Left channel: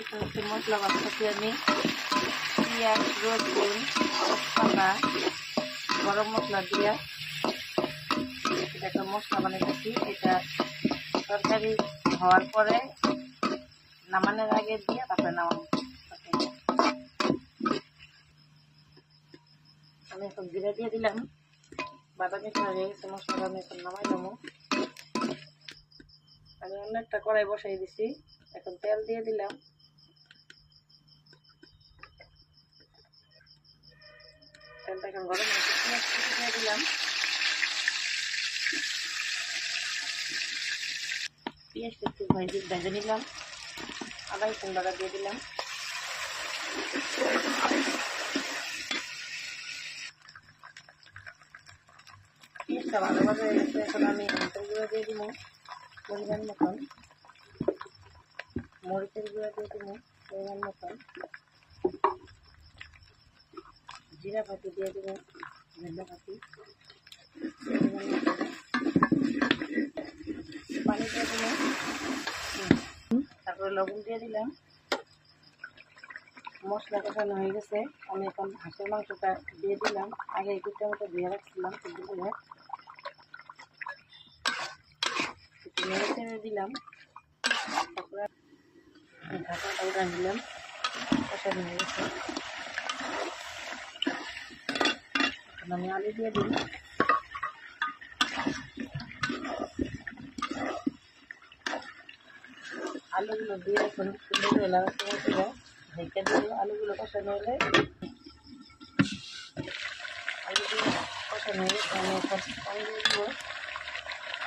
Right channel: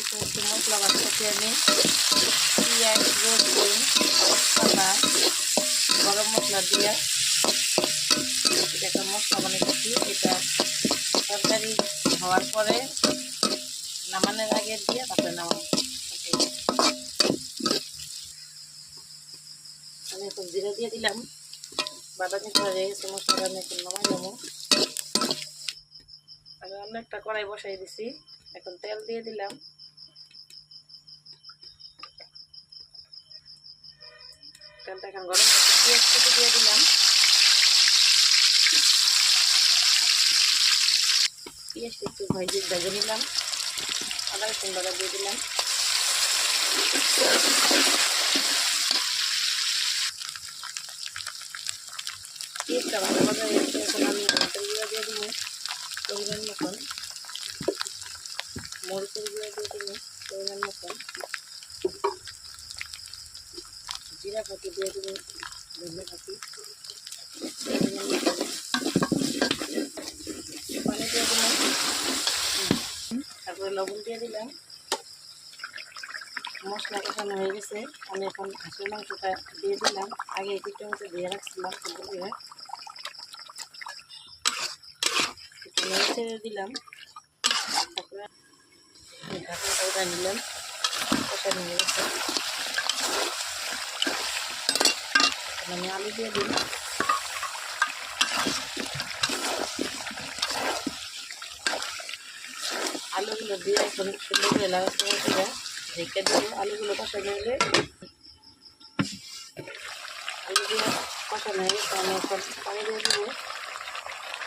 একটু মশলা বানাচ্ছি আমি পেঁয়াজ রসুন পাতা গরম মশলা দিয়ে এটা একটা মশলা বানিয়েছি। এটা তরকারি হওয়ার পরে নামানোর আগে দিয়ে তারপরে নামানো। আমি এখন জিরা দিয়ে দিলাম, বাদামি করে হয়ে গেছে মশলা। আমি এখন নামাই নেবো। আমি অন্য একটা কড়াই বসাই দিছি, এখন তেল দিয়ে দিলাম। তেলটা এখন গরম হচ্ছে, পেঁয়াজ কুচি দিয়ে দিলাম। পেঁয়াজটা একটু ভেজে নিলাম। আদা রসুন বাটা দিয়ে দিলাম। পেঁয়াজটা ভালো ভাজা হয়ে গেছে, এখন আমি মরিচের গুঁড়া দিয়ে দিব পরিমাণ মতন, মরিচের গুঁড়া দিয়ে দিব পরিমাণ মতন, জিরা ফাঁকি দিয়ে দিব, ধনিয়া ফাঁকি, পানি দিয়ে দিলাম, তারপরে লবণ দিয়ে দিলাম। মশলা কষানো হয়ে গেছে, আমি এখন হাঁসের মাংসটা দিয়ে দিলাম। আগে একটু টমেটো দিয়ে রাখছিলাম, কিন্তু একটু নেড়ে চেড়ে দিলাম। তারপরে ঢাকাটা উঠে নিলাম, কষানো হয়ে গেছে। আমি আলু দিয়ে দিই। আলুগুলো দিয়ে এখন সুন্দর করে লাগাতে করে ঢেকে দিয়ে আলুগুলো কষানো হলে আলুগুলো কষানো হয়ে গেছে। আমি এখন পানি দিয়ে দিব।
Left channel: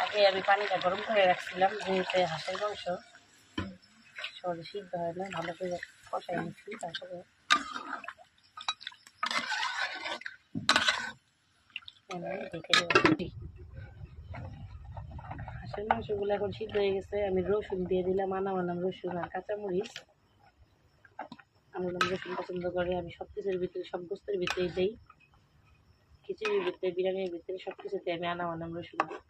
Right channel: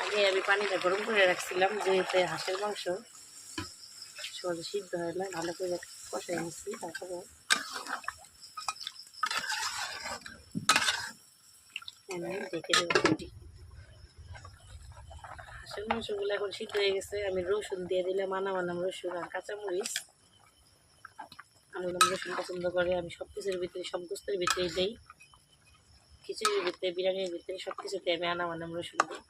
আগে আমি পানিটা গরম করে রাখছিলাম, যেহেতু হাঁসের মাংস সহজে সিদ্ধ হয় না, ভালো করে কষাই নিচ্ছি। তারপরে ঢেকে দেবো। হাঁসের মাংসগুলো এখন সিদ্ধ হয়ে গেছে। আমি রসুন দিয়ে দিলাম, আনাম রসুন আর কাঁচামরিচ। আমি রসুন পছন্দ করে, আমি সব কিছুর ভিতরে সব গোস্তের ভিতরেই দিই। খিচুড়ির ভিতরে, বিরিয়ানির ভিতরে সব কিছুতে আমি আনাম রসুন দিই।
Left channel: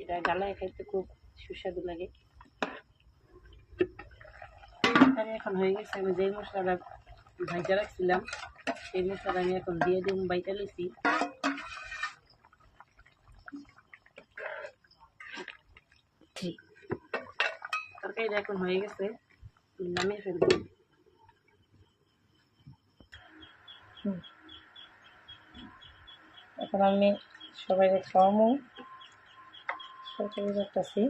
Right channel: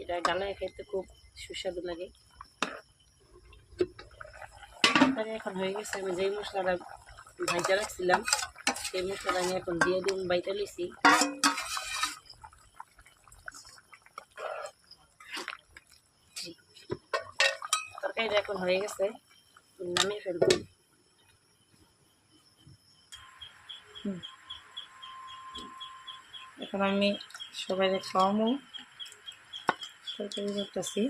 এটা গালায় খাইতে খুব সুস্বাদু লাগে। এখন হয়ে গেছে। আমি যেই মশলাটা ভাজা রাখছিলাম সেই মশলাটা আমি এখন দিয়ে দিন বাইটা লইছি। তরকারিটা এখন হয়ে গেছে, নামিয়ে ফেলবো। এখন আমি সবাই খাওয়াবো, তরকারি করতেছি।